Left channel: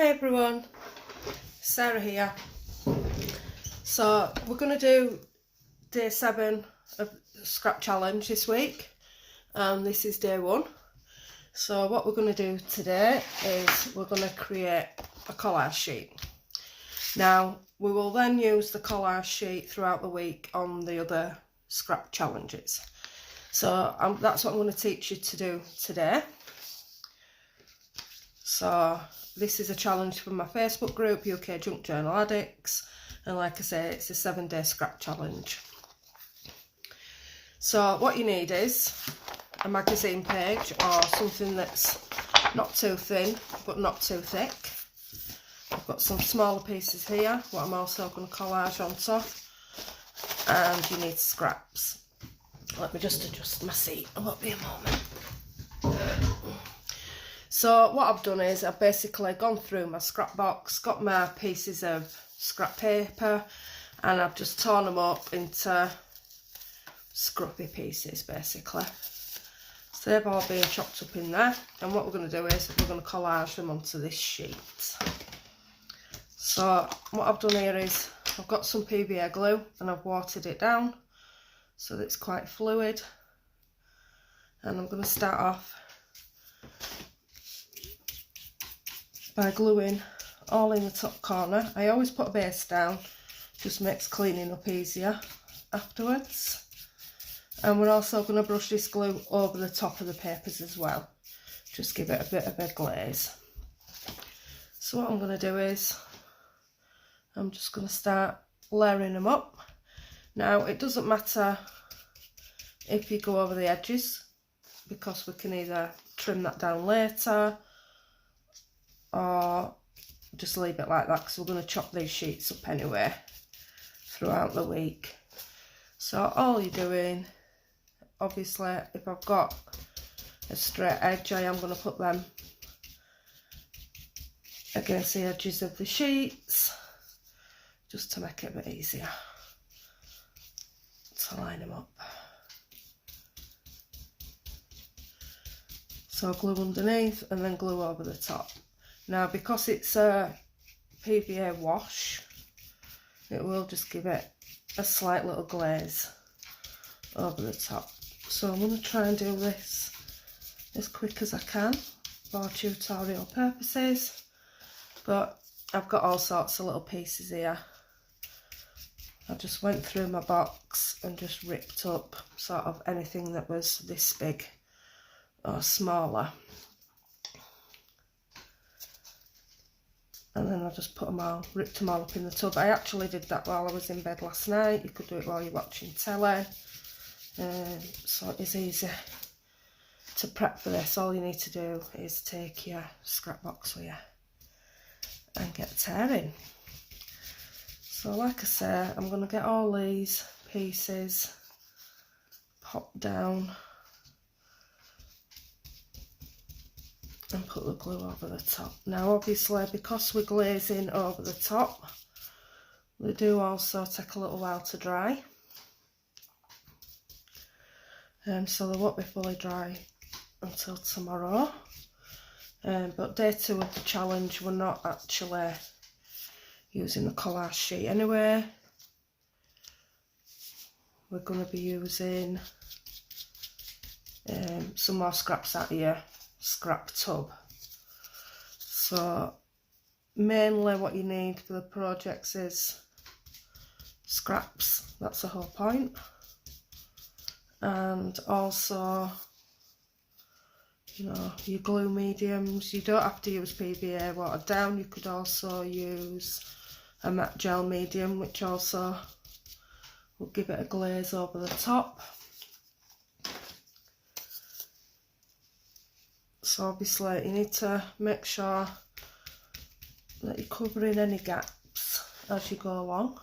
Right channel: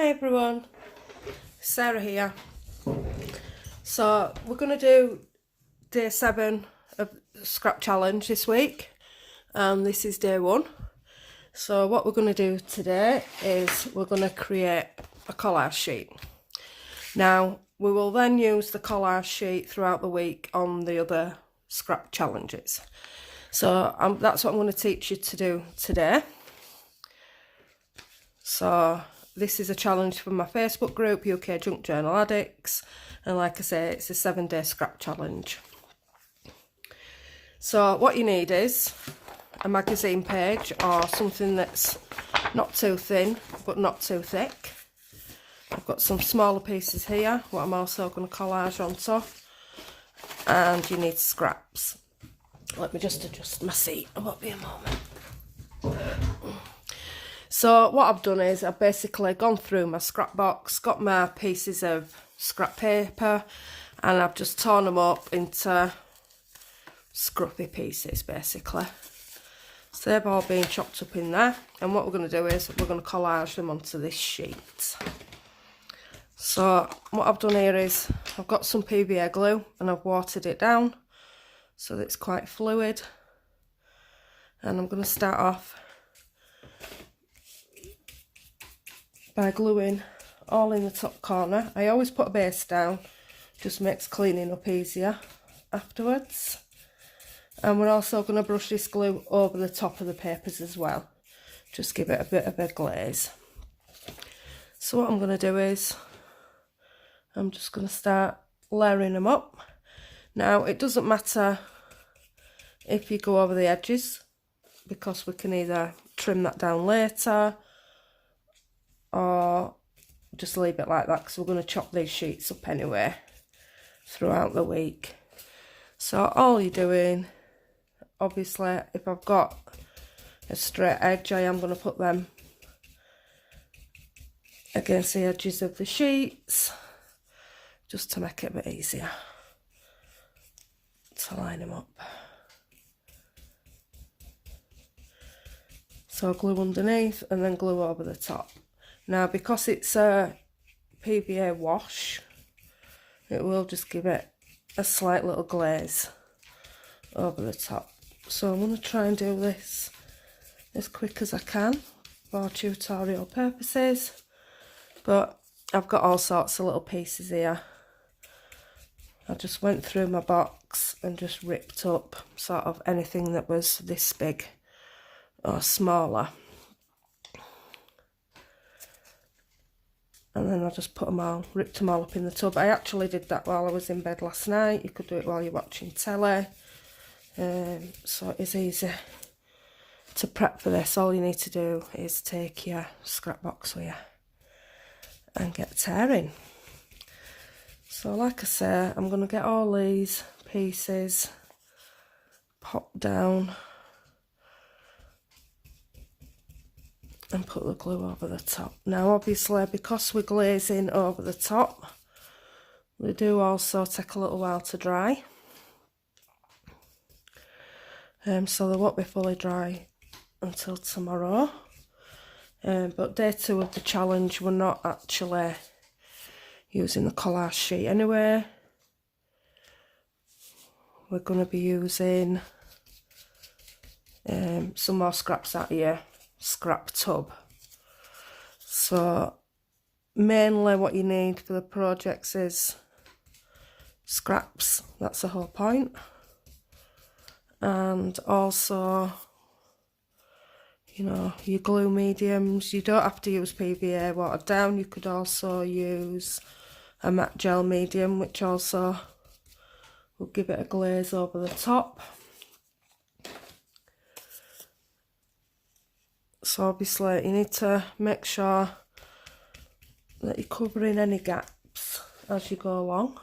Hi everyone, Sarah here. So we're going to do day 7 of the scrap challenge this week. This is day 1. So what we're going to do today is we're going to create a collage sheet. Now we will then use the collage sheet throughout the week on the other scrap challenges. So that's what I'm going to teach you to do today. So this is a challenge from my Facebook group, UK Junk Journal Addicts, and like I say, it's a 7-day scrap challenge. So what you need is a magazine page or something that's not too thin but not too thick. I've got some smaller pieces here, what I'm also going to collage onto, and you need scraps. Let me just adjust my seat, it won't be a moment. So what I've done is I've basically gone through my scrap box, got my pieces of scrap paper, and I've just torn them up into scruffy pieces basically. So they've all been chopped up in there, and what we're going to do is we're going to collage them onto this sheet. So what I've done here is I've got some PVA glue and I've watered it down so that it's quite fluid, and I'm going to start off by gluing all in the top corner. I always put a base down, just makes cleaning up easier afterwards. And we're also going to brush this glue over the top of the papers as well, just give it a bit of a glaze. So what I'm going to do is I'm just going to start layering them up. Now it doesn't matter if you go over the edges, because we can either trim that down later or just leave it like that, because we're going to chop these sheets up anyway throughout the week. So all you're doing, obviously if I've got a straight edge, I am going to put them against the edges of the sheets just to make it a bit easier to line them up. So glue underneath and then glue over the top. Now because it's a PVA wash, it will just give it a slight little glaze over the top. So I'm going to try and do this as quick as I can for tutorial purposes, but I've got all sorts of little pieces here. I just went through my box and just ripped up sort of anything that was this big or smaller. And then I just put them all, ripped them all up in the tub. I actually did that while I was in bed last night. You could do it while you're watching telly. So it's easy to prep for this. All you need to do is take your scrap box with you and get tearing. So like I say, I'm going to get all these pieces popped down and put the glue over the top. Now obviously because we're glazing over the top, they do also take a little while to dry. So they won't be fully dry until tomorrow. But day 2 of the challenge, we're not actually using the collage sheet anyway. We're going to be using some more scraps out here. Scrap tub. So mainly what you need for the projects is scraps, that's the whole point, and also, you know, your glue mediums. You don't have to use PVA watered down, you could also use a matte gel medium, which also will give it a glaze over the top. So obviously you need to make sure that you're covering any gaps as you go along.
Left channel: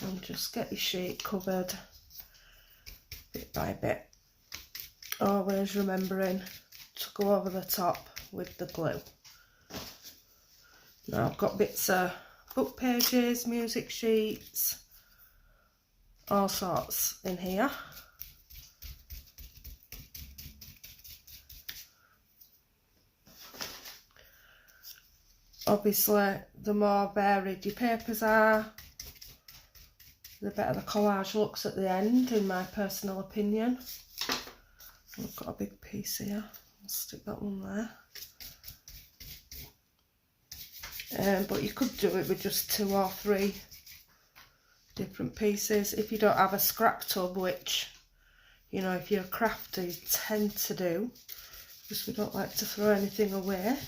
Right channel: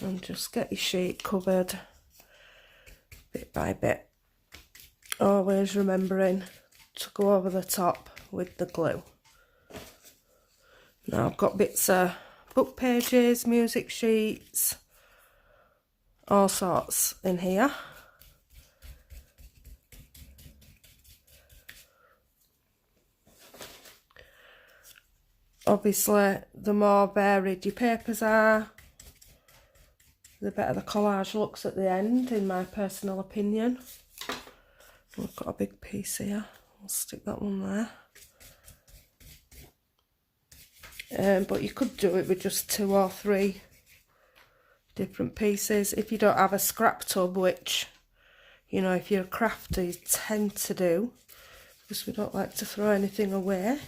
And just get your sheet covered bit by bit. Always remembering to go over the top with the glue. Now I've got bits of book pages, music sheets, all sorts in here. obviously the more varied your papers are, the better the collage looks at the end, in my personal opinion. We've got a big piece here, I'll stick that one there. But you could do it with just 2 or 3 different pieces. If you don't have a scrap tub, which, you know, if you're a crafter, you tend to do, because we don't like to throw anything away.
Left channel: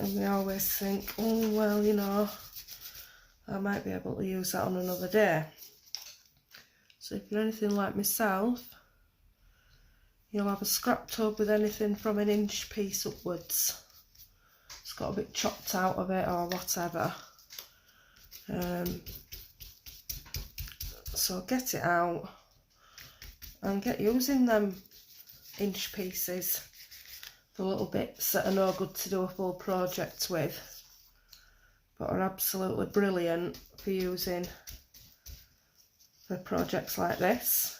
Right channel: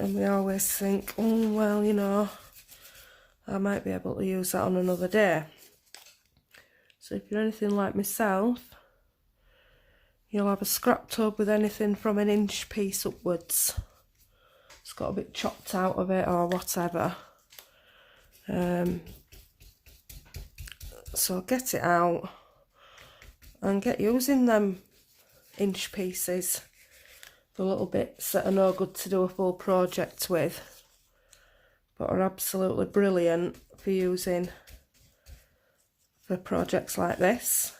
And we always think, oh, well, you know, I might be able to use that on another day. So if you're anything like myself, you'll have a scrap tub with anything from an inch piece upwards. It's got a bit chopped out of it or whatever. So get it out and get using them inch pieces, the little bits that are no good to do a full project with, but are absolutely brilliant for using for projects like this.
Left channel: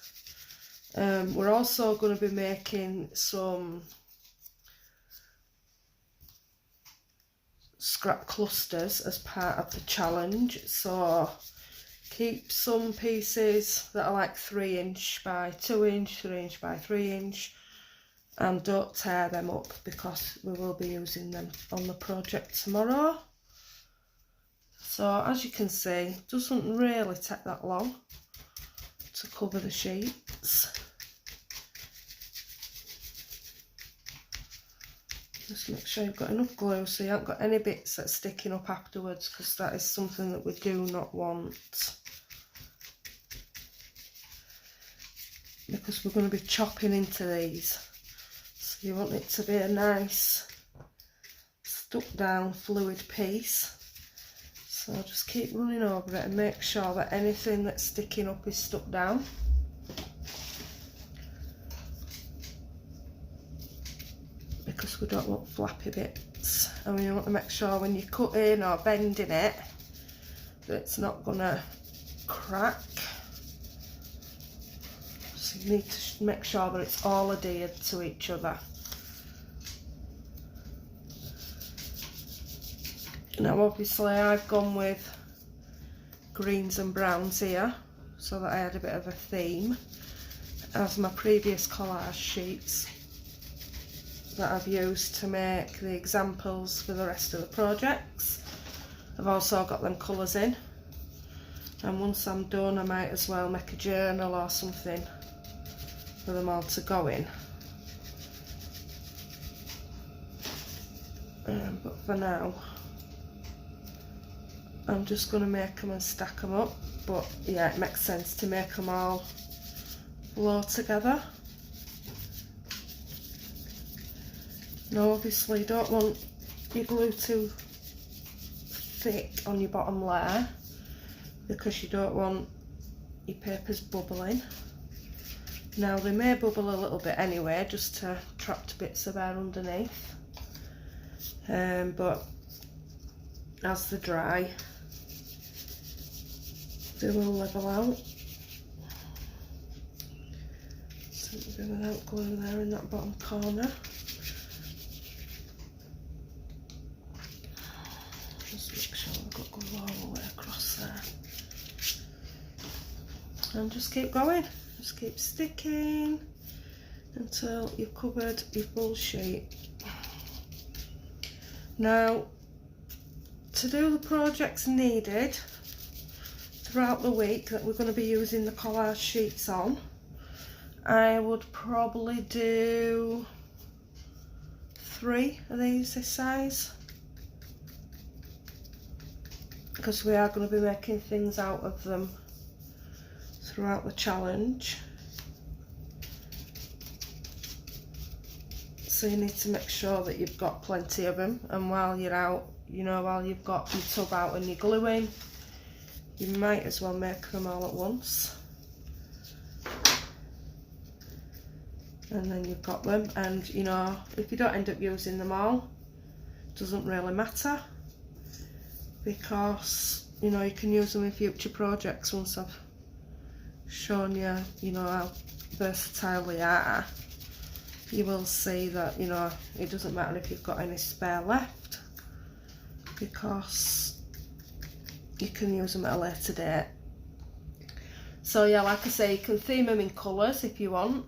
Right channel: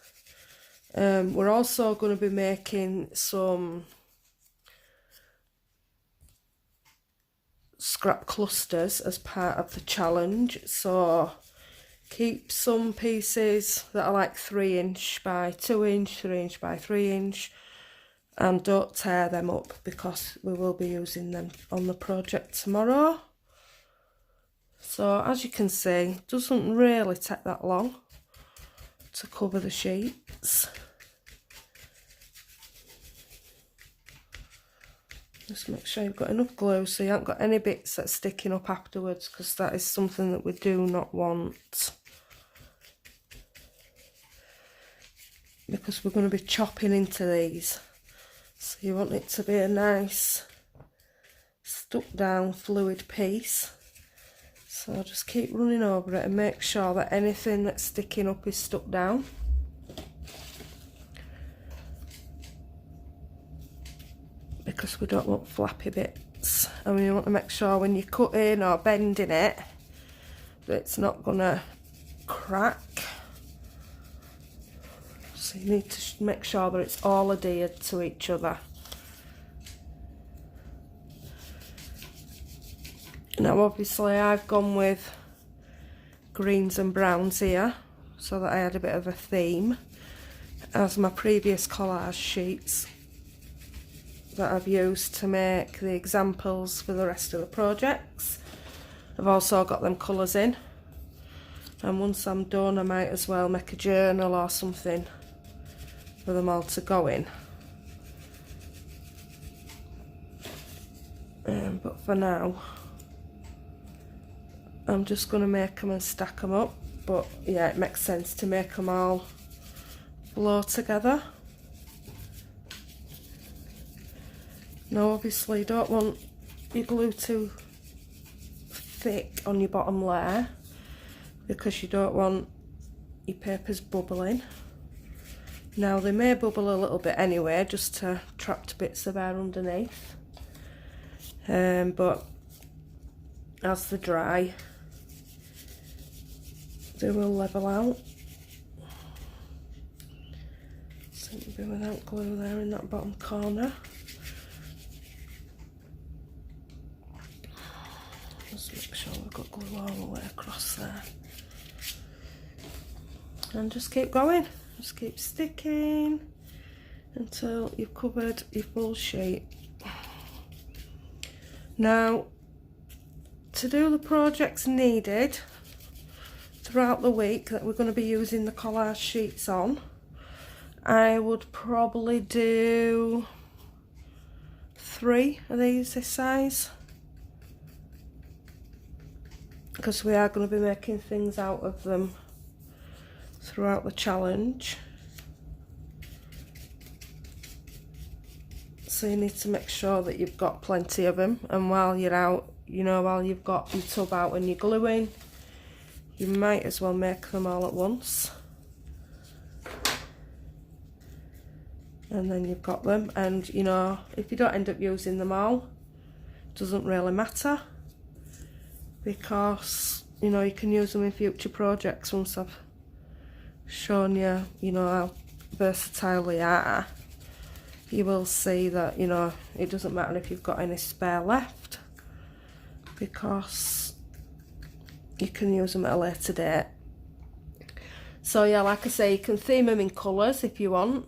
We're also going to be making some scrap clusters as part of the challenge, so keep some pieces that are like 3 inch by 2 inch, 3 inch by 3 inch, and don't tear them up, because we will be using them on the project tomorrow. So as you can see, it doesn't really take that long to cover the sheets. Just make sure you've got enough glue so you haven't got any bits that are sticking up afterwards, because that is something that we do not want. Because we're going to be chopping into these. So you want it to be a nice stuck down fluid piece. So just keep running over it and make sure that anything that's sticking up is stuck down. Because we don't want flappy bits. And you want to make sure when you're cutting or bending it that it's not going to crack. So you need to make sure that it's all adhered to each other. Now obviously I've gone with greens and browns here, so that I had a bit of a theme, as my previous collage sheets that I've used to make the examples for the rest of the projects. I've also got them colours in, and once I'm done I might as well make a journal or something for them all to go in. But for now I'm just going to make them and stack them up, but yeah, it makes sense to make them all flow together. Now obviously you don't want your glue too thick on your bottom layer, because you don't want your papers bubbling. Now they may bubble a little bit anyway, just to trapped bits of air underneath, but as they dry they will level out. So we'll do without glue there in that bottom corner. Just make sure we've got glue all the way across there. And just keep going, just keep sticking until you've covered your full sheet. Now, to do the projects needed throughout the week that we're going to be using the collage sheets on, I would probably do 3 of these this size, because we are going to be making things out of them throughout the challenge. So you need to make sure that you've got plenty of them, and while you're out, you know, while you've got your tub out and you're gluing, you might as well make them all at once. And then you've got them, and you know, if you don't end up using them all, it doesn't really matter, because you know, you can use them in future projects once I've shown you, you know, how versatile they are. You will see that, you know, it doesn't matter if you've got any spare left. because you can use them at a later date. So yeah, like I say, you can theme them in colours if you want,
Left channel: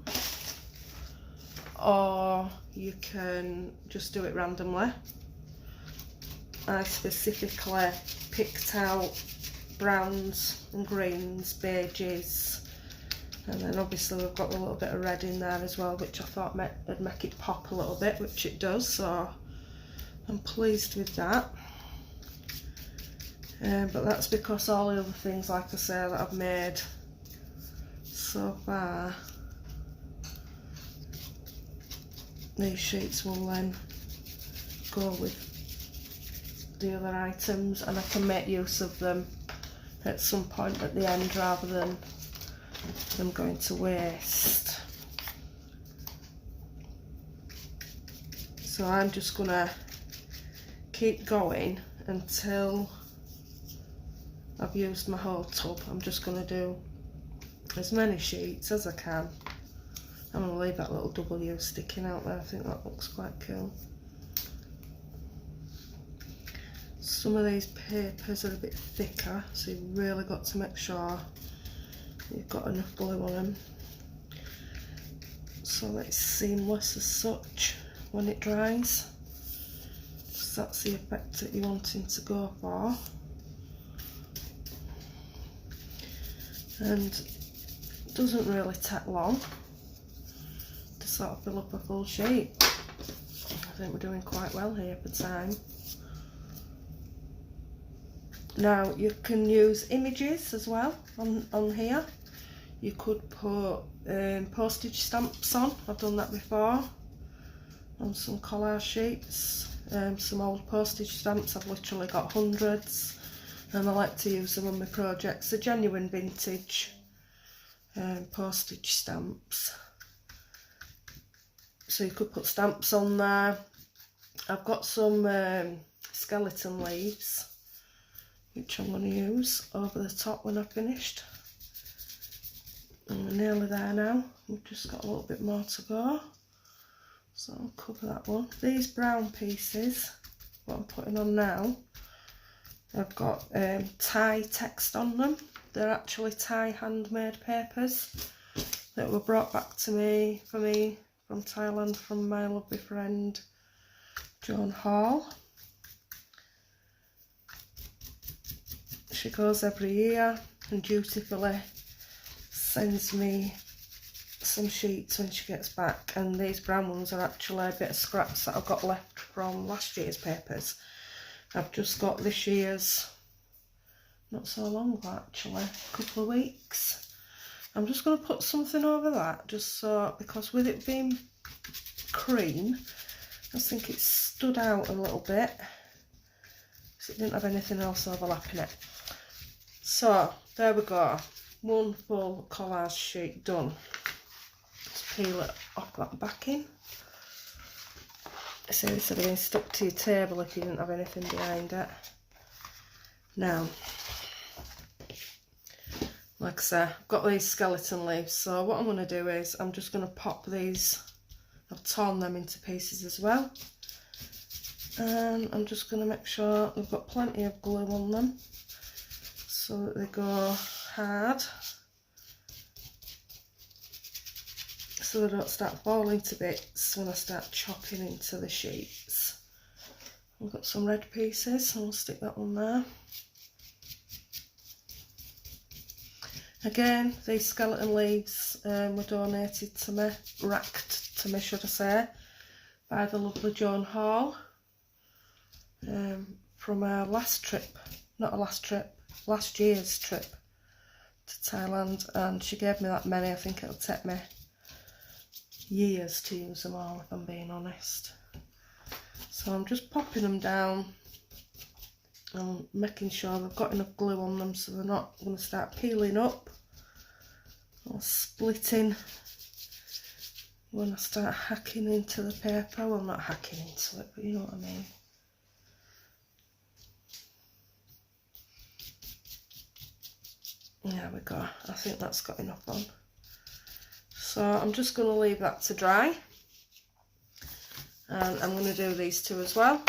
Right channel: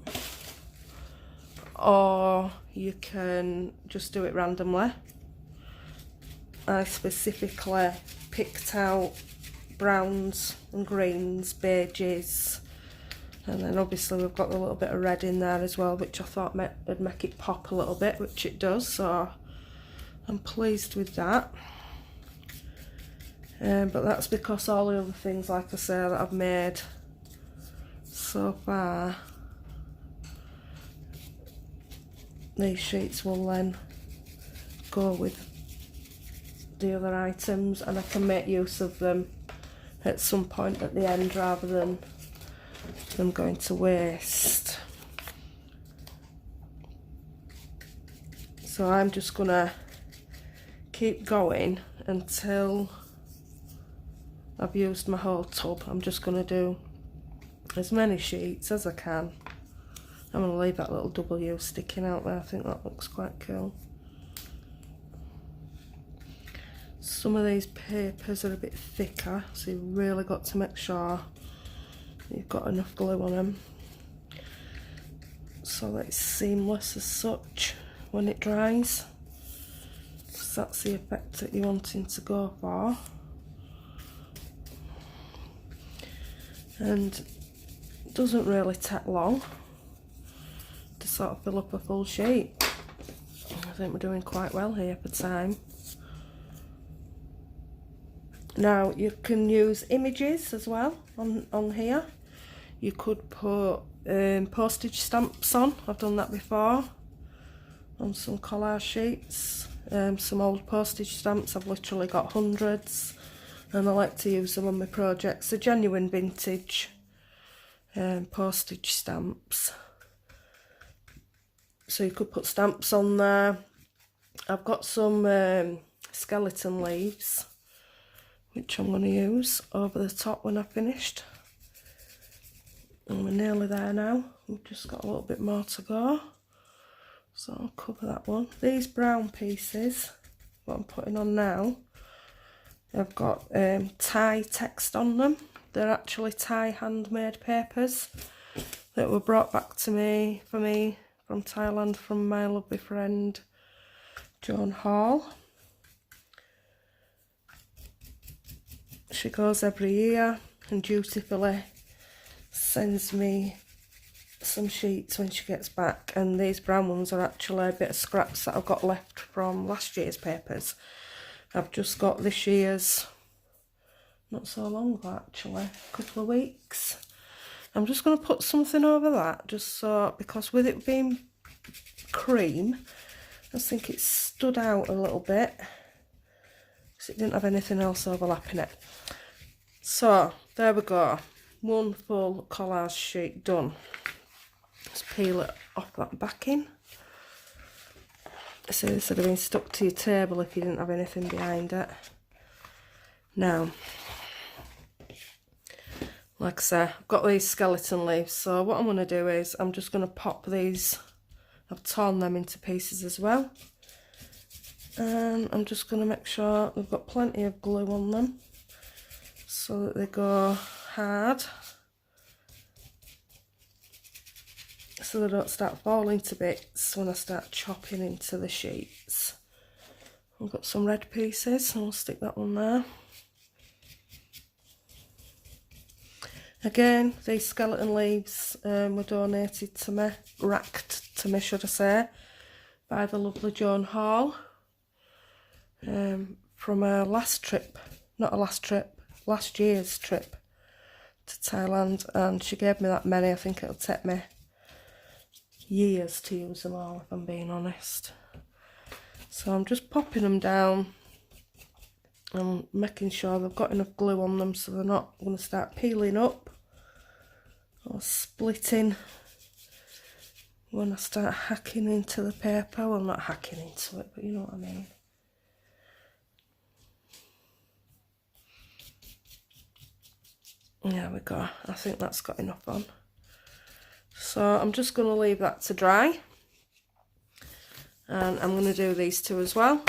or you can just do it randomly. I specifically picked out browns and greens, beiges, and then obviously we've got a little bit of red in there as well, which I thought would make it pop a little bit, which it does, so I'm pleased with that. But that's because all the other things, like I say, that I've made so far, these sheets will then go with the other items, and I can make use of them at some point at the end rather than them going to waste. So I'm just gonna keep going until I've used my whole tub. I'm just gonna do as many sheets as I can. I'm gonna leave that little W sticking out there. I think that looks quite cool. Some of these papers are a bit thicker, so you've really got to make sure you've got enough glue on them so that it's seamless as such when it dries. So that's the effect that you're wanting to go for. And it doesn't really take long to sort of fill up a full sheet. I think we're doing quite well here for time. Now you can use images as well on here. You could put postage stamps on. I've done that before on some collage sheets. Some old postage stamps, I've literally got hundreds, and I like to use them on my projects. They're genuine vintage postage stamps. So you could put stamps on there. I've got some skeleton leaves, which I'm going to use over the top when I've finished. And we're nearly there now. We've just got a little bit more to go. So I'll cover that one. These brown pieces, what I'm putting on now, I've got Thai text on them. They're actually Thai handmade papers that were brought back to me from Thailand from my lovely friend Joan Hall. She goes every year and dutifully sends me some sheets when she gets back, and these brown ones are actually a bit of scraps that I've got left from last year's papers. I've just got this year's not so long ago actually, a couple of weeks. I'm just going to put something over that, just so, because with it being cream, I just think it stood out a little bit because it didn't have anything else overlapping it. So there we go, one full collage sheet done. Let's peel it off that backing. So this would have been stuck to your table if you didn't have anything behind it. Now, like I say, I've got these skeleton leaves, so what I'm going to do is I'm just going to pop these, I've torn them into pieces as well, and I'm just going to make sure they've got plenty of glue on them so that they go hard, so they don't start falling to bits when I start chopping into the sheets. I've got some red pieces, and I'll stick that one there. Again, these skeleton leaves were donated to me, racked to me should I say, by the lovely Joan Hall from her last trip, last year's trip to Thailand, and she gave me that many. I think it'll take me years to use them all if I'm being honest. So I'm just popping them down and making sure they've got enough glue on them so they're not going to start peeling up or splitting when I start hacking into the paper. Well, not hacking into it, but you know what I mean. There we go, I think that's got enough on. So I'm just going to leave that to dry, and I'm going to do these two as well.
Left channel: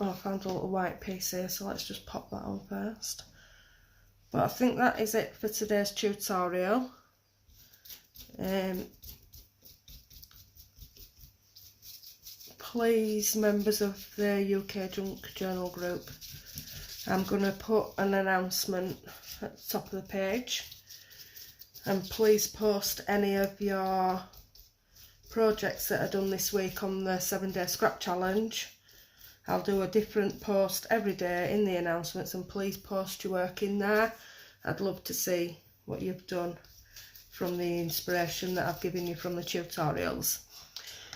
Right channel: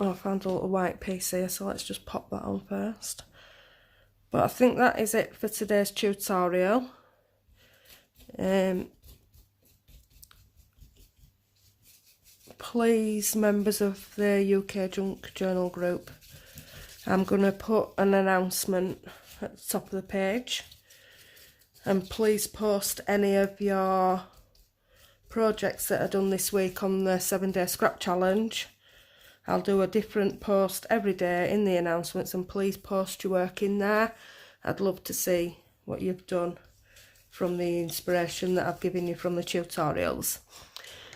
Oh, I found a little white piece here, so let's just pop that on first. But I think that is it for today's tutorial. Please, members of the UK Junk Journal group, I'm going to put an announcement at the top of the page, and please post any of your projects that are done this week on the 7-day scrap challenge. I'll do a different post every day in the announcements, and please post your work in there. I'd love to see what you've done from the inspiration that I've given you from the tutorials.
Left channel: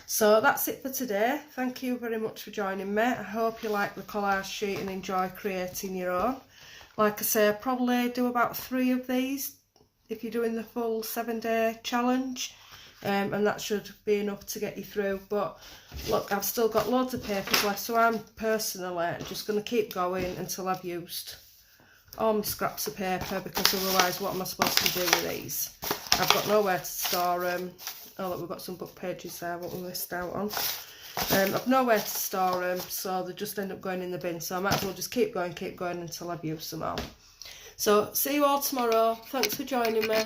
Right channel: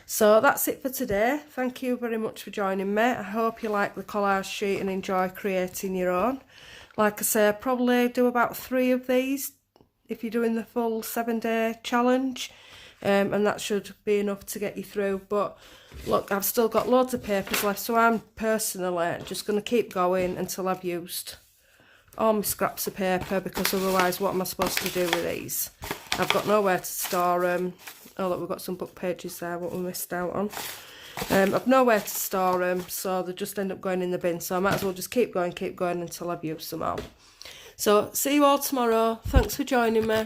So that's it for today. Thank you very much for joining me. I hope you like the collage sheet and enjoy creating your own. Like I say, I'll probably do about 3 of these if you're doing the full 7-day challenge, and that should be enough to get you through. But look, I've still got loads of papers left, so I'm personally just going to keep going until I've used all my scraps of paper, because otherwise what am I supposed to do with these? I've got nowhere to store them. Oh look, we've got some book pages there, what we missed out on. I've nowhere to store them, so they just end up going in the bin, so I might as well just keep going until I've used them all. So see you all tomorrow. Thanks for joining me.